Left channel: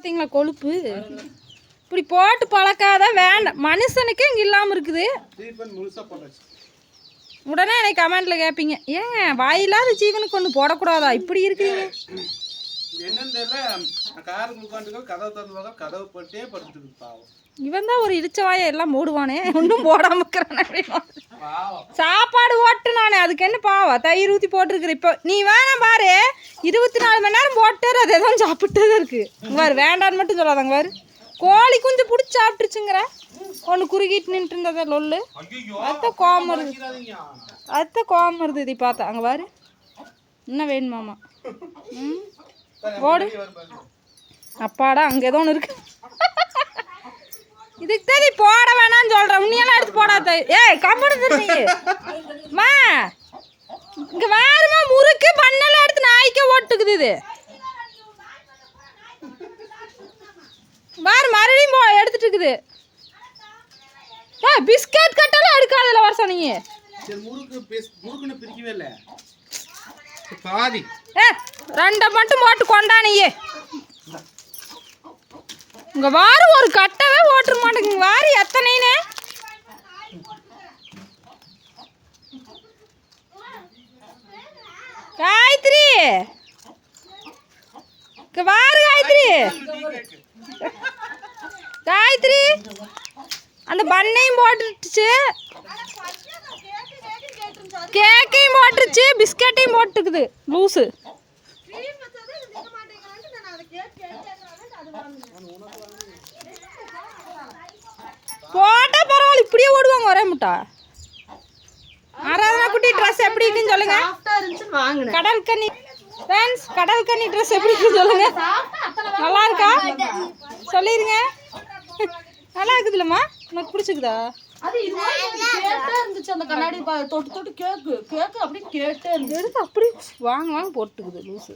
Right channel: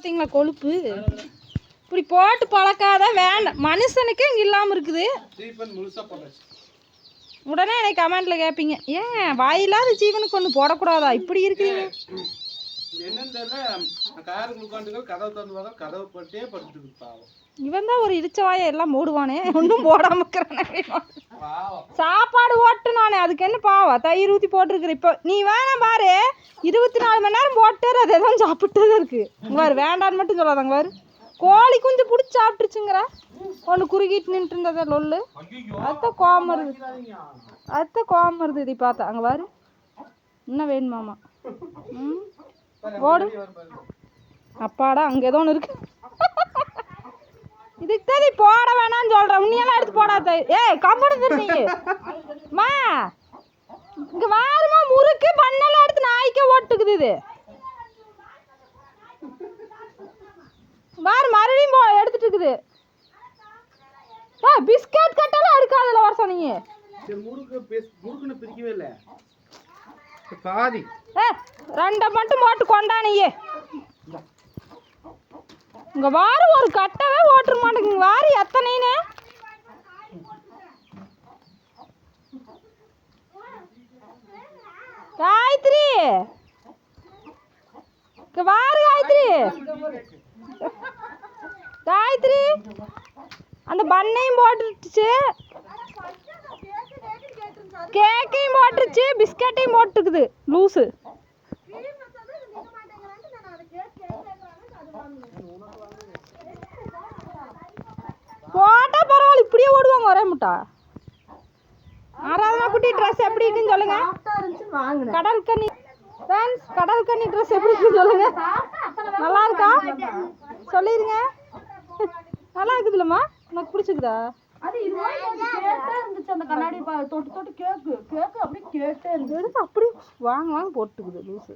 பார்த்தீங்களா கொழுப்பு இப்படி போட்டு பழக்காத வேண்டாம் மனுஷனுக்கே இங்கே இல்லாமல் இருக்குது. உடனே எனக்கு கமெண்ட்டில் கேட்பீங்க ஏங்க வாயில்லாத ஜீவனுக்கு ஒன்று போடக்கூடாதா இப்படி இருக்குங்க. இவன் தான் ஒரு இடிச்ச வாயை எல்லாம் மூடுவானே ஒன்றும் போடாம இருக்கிறேன். சாப்பாடு ஓட்டு நானே அதுக்கு என்ன பாவா தயிர் ஊற்றி போட்டிருக்குற. இப்போ நீ வேணாம் பாரு 24 மணி நேரம் போட்டு அதை தான் சாப்பிட்டுதான் இருக்கு. பாரு வேண்டான்னு மட்டும் சொல்லாதாங்க பாரு கோழி குஞ்சு பிடிச்சி சாப்பிட்டுருச்சுங்கிற ஒன்று குறுகிட்டு நின்றுட்டு இருந்ததை லொல்லு அத்தை கோவம் வருது அத்தை கோவம் வருது. இதை பார்த்தா அங்கே பாரு என்ன வேணுமாமா ஓடு அப்பாடா அங்கே ஏதோ ஒன்று இருக்கு. இதுக்கு தான் நீ போட வேணான்னு சொல்கிறேன் உன்னையெல்லாம் எடுத்து போடாத. ஏய் கம்பெனி மா இங்கே வாருமா முறுக்கு பண்ணெல்லாம் எடுத்து நாய்க்கே ஓட்டுக்குது. இது வாரு மறுபடியும் எடுத்துட்டு இருக்குது. பிஸ்கட் கட்டெல்லாம் எடுக்காதுல வர சொன்னீங்க. ரெண்டை மட்டும் போட்டு கொண்டானியே இங்க வாரு ஒரு கட்டவே ஓட்டுற மாட்டேங்குங்க. வாரு எத்தனைன்னு காயத்ரி வாரு காயத்ரி காயத்ரி அந்த பண்ணையும் போட்டுருச்சு கேக்கையும் போட்டுருச்சு பிஸ்கட்டையும் போட்டுக்குது லூஸு. போட்டா பரவாயில்ல இப்படியே ஓடுவாங்க ஒரே முட்டா. ஆராதனா குட்டி ட்ரெஸ் எப்படி இருக்குன்னு சொல்லுங்க. கடல் கன்னி ஃப்ரெண்ட்ஸ் கடல் கன்னி ட்ரெஸ் எப்படி இருக்குன்னு சொல்லுங்க. நல்லா இருக்கா சொல்லிடுங்க. நல்லா இருக்குதுல்லம்மா உனக்கு பிடிச்சிக்குதா? அது இதுவா கேட்டே இருந்துச்சு அந்த கண்ணாடி தொட்டு தொட்டு கேக்கு கேக்கு அப்படியே கேட்டே இருக்கு. எடுத்து அப்படியே வாங்க வாங்க போட்டுக்குது லூஸு.